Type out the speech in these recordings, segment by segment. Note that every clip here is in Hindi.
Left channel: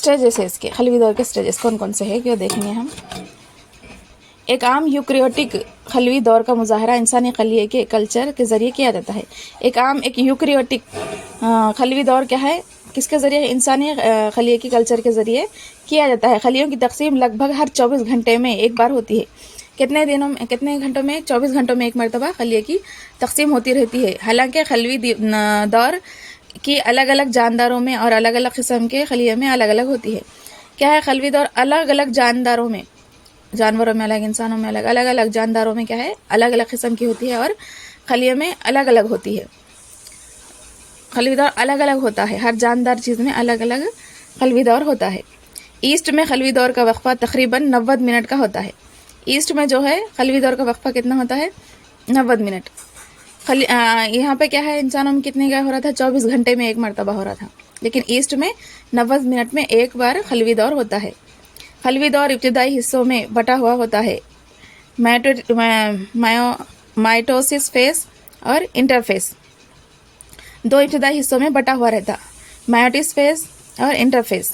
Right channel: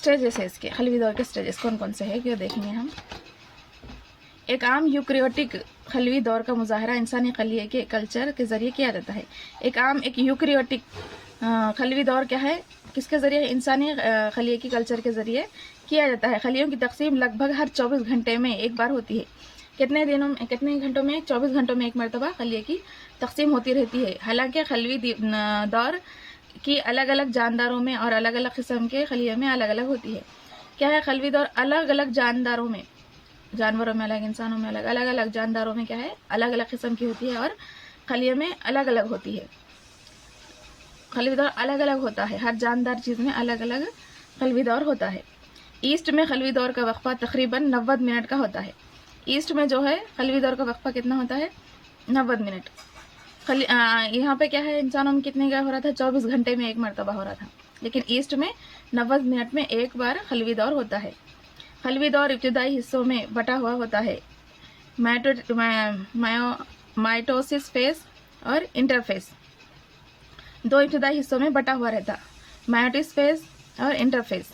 स्टेजेस है इसके, खलवी दौर के स्टेजेस कौन कौन से हैं क्या देखेंगे हम। एक आम यूक्रियोटिक खलवी दौर का मुजाहरा इंसानी खलिए के कल्चर के ज़रिए किया जाता है। एक यूक्रियोटिक खलवी दौर क्या है, किसके ज़रिए, इंसानी खलिए की कल्चर के ज़रिए किया जाता है। खलियों की तकसीम लगभग हर 24 घंटे में एक बार होती है। कितने घंटों में? 24 घंटों में एक मरतबा खलिए की तकसीम होती रहती है। हालांकि खलवी दौर की अलग अलग जानदारों में और अलग अलग किस्म के खलिए में अलग अलग होती है। क्या है, खलवी दौर अलग अलग जानदारों में, जानवरों में अलग, इंसानों में अलग, अलग अलग जानदारों में क्या है, अलग अलग किस्म की होती है और खलिए में अलग अलग होती है। खलवी दौर अलग अलग होता है, हर जानदार चीज़ में अलग अलग खलवी दौर होता है। ईस्ट में खलवी दौर का वक्फा तकरीबन 90 मिनट का होता है। ईस्ट में जो है खलवी दौर का वक्फा कितना होता है? 90 मिनट। यहाँ पे क्या है, इंसानों में कितने का हो रहा था? 24 घंटे में एक मरतबा हो रहा था, लेकिन ईस्ट में 90 मिनट में एक बार खलवी दौर होता है। खलवी दौर इब्तिदाई हिस्सों में बटा हुआ होता है, माइटोसिस फेस और इंटरफेस। दो इब्तिदाई हिस्सों में बटा हुआ रहता, मायोटिस फेस और इंटरफेस।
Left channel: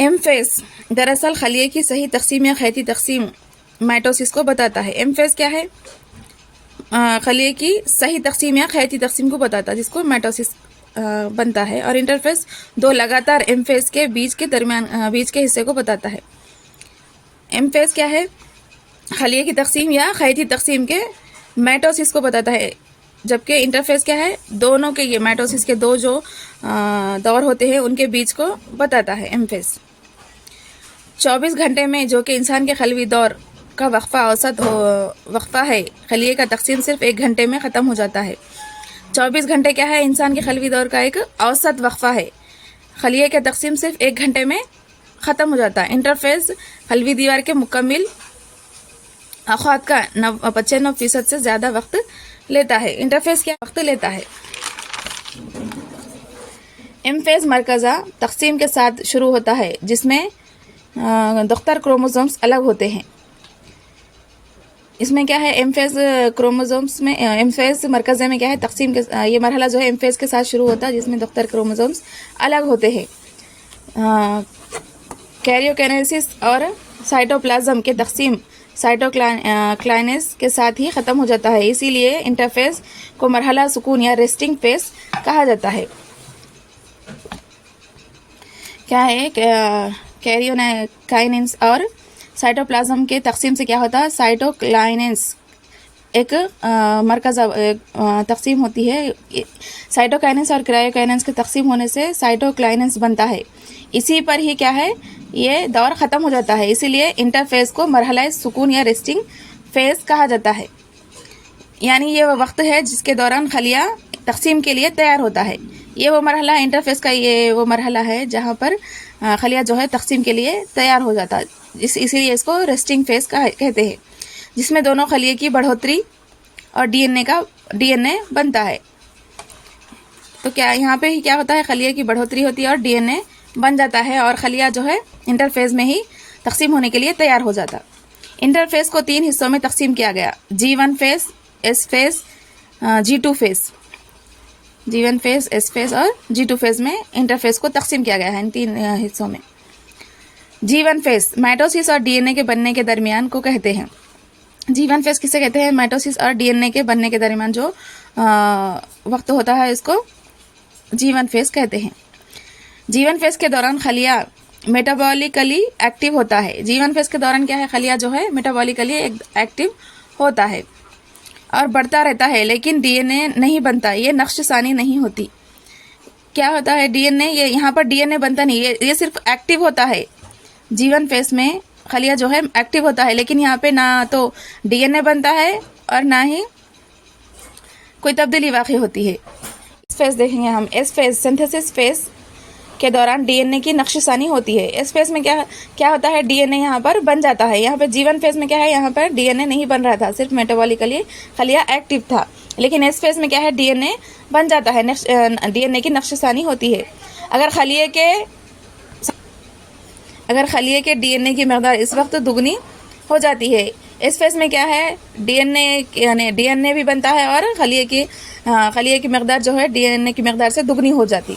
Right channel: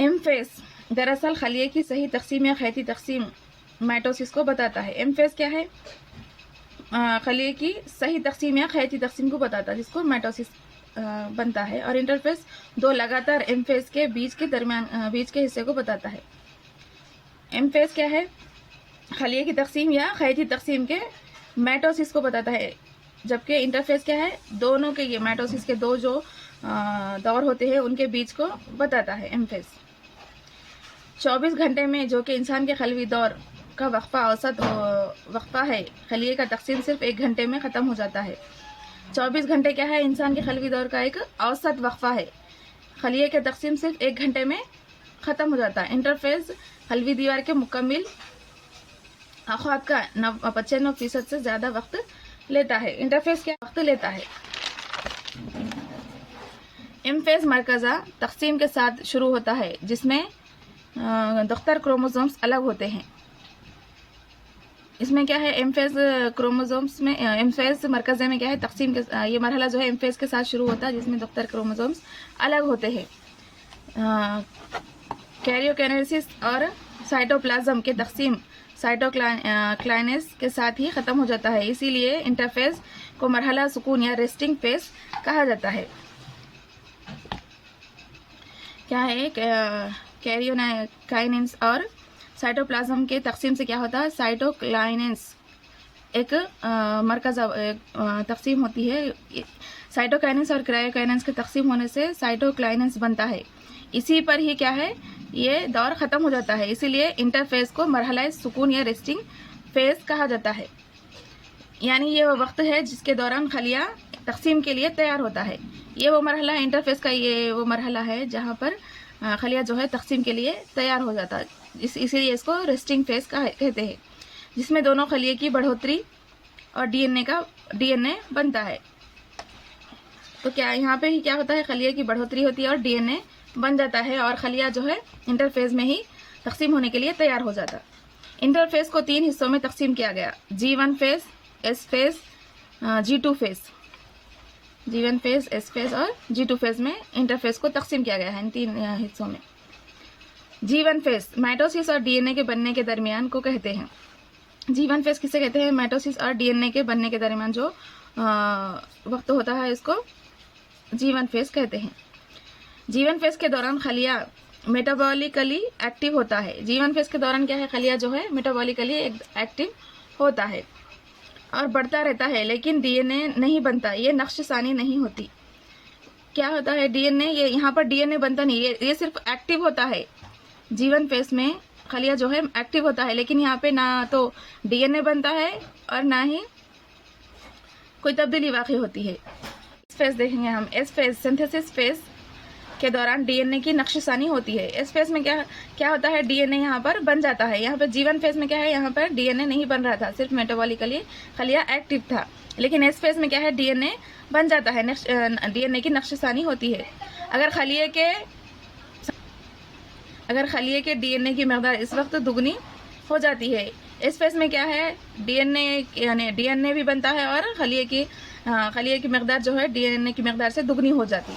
एम फेस दरअसल खलिए की सही तकसीम या खैती तकसीम माइटोसिस को बताता है। एम फेस क्या है? खलिए की सही तकसीम या खैती तकसीम को बताता है, जिसको माइटोसिस बनता है। और इंटरफेस दो लगातार एम फेस के बीच के हिस्से को बताता है। एम फेस क्या है? खलिए की तकसीम या खैती तकसीम के माइटोसिस को बताता है, जबकि इंटरफेस क्या है? दोनों के, ये माइटोसिस के दो जो दौर होते हैं उनके बीच को बताता है एम फेस। 24 घंटे में, जो कि इंसान के खलवी दौर का वक्फा है, खलिए का तकसीम सिर्फ 1 घंटे में ख़त्म हो जाता है। 24 घंटे क्या है? इंसान के खलवी दौर का एक औसत वक्फा है। खलिए का तकसीम सिर्फ 1 घंटे में ख़त्म हो जाता है। इंटरफेस खलवी दीवार के मुकम्मिल अख़ात का 95% से ज़्यादा वक्त लेता है। इंटरफेस क्या वक्त लेता है? एम फेज़ मरकज़ा तकसीम के साथ शुरू होता है, जिसमें दुख्तर क्रोमोसोम्स अलग होते हैं। इसमें क्या है, एम फेज़ क्रोमोसोम्स में, एम फेज़ मरकज़े में क्या है, तकसीम के ये मरहला जो है एम फेज़ के साथ शुरू होता है, जिसमें दुख्तर क्रोमोसोम्स अलग होते हैं। कैरियोकाइनेसिस और साइटोप्लाज्म के तकसीम साइटोकाइनेसिस के साथ ही ख़त्म हो जाता है। इसीलिए इंटरफेस को मरहला सुकून या रेस्टिंग फेस कहा जाता है। क्या है, कैरियोकाइनेसिस और साइटोप्लाज्म के तकसीम से क्या होता है, साइटोकाइनेसिस एक मरकज़ा तकसीम होती है। साइटोकाइनेसिस और कैरियोकाइनेसिस के तकसीम होने से साइटोकाइनेसिस बनता है। इसी पर ही क्या है, ये दौर ख़त्म हो जाता है। इसीलिए इंटरफेस को मरहला सुकून या रेस्टिंग फेस कहा जाता है। यानी ये वो वक्त है जिसके दौरान खलिया तकसीम के लिए तैयार होता है। ये वो मरहला, इंटरफेस का ये वो मरहला है जहाँ पर खलिया जो है तकसीम के लिए तैयार हो जाता है। इसीलिए इसको रेस्टिंग फेस कहते हैं, जिसमें दोनों खलिए की बढ़ोतरी और डीएनए बनता है। तो क्या यहाँ पे ही क्या होता है, खलिए की बढ़ोतरी होती है और डीएनए बन जाता है, और खलिया जो है इंटरफेस में ही तकसीम होने के लिए तैयार हो जाता। इंटरफेस को 3 हिस्सों में तकसीम किया गया, G1 face, S face, G2 face. G1 face, S face और G2 फेस में इंटरफेस को तकसीम किया गया है, इन 3 हिस्सों में। G1 फेस माइटोसिस और डीएनए के बनने के दरमियान को कहते हैं। G1 फेस किसे कहते हैं? माइटोसिस और डीएनए के बनने के दरमियान जो वक्त होता है, इसको G1 फेस कहते हैं। G1 फेस के दौरान खलिया मेटाबॉलिकली एक्टिव होता है। G1 फेस के दौरान क्या है, खलिया जो है मेटाबॉलिकली एक्टिव होता है और बढ़ता रहता है, लेकिन डीएनए नहीं बनता, ये नक्शसानी नहीं होती। क्या होता है, डीएनए, ये यहाँ पर डीएनए बनता नहीं, ये सिर्फ एक्टिव होता है। G1 फेस में खलिया जो है एक्टिव होता है, लेकिन यहाँ पे ना तो डीएनए बनता है और ना ही कोई तब्दीली वाक़ई होती है। इस फेस देखेंगे हम, एस फेस सिंथेसिस फेस के दौरान डीएनए की नक्शसानी होती है। एस फेस में क्या होता है, डीएनए यहाँ पर बन जाता है। यहाँ पर G1 फेस में क्या है, यहाँ पर डीएनए नहीं बन रहा था, सिर्फ मेटाबॉलिकली खलिया एक्टिव था। लेकिन एस फेस में क्या है, डीएनए बन जाता है, डीएनए की नक्शसानी होती है। अगर खलिए के डीएनए की मकदार इस वक्त दुगनी हो जाती है। इस फेस में क्या है, डीएनए भी बनता है और खलिए की मकदार जो है डीएनए की मकदार से दुगनी हो जाती।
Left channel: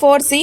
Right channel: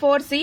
4C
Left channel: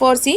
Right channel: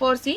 4C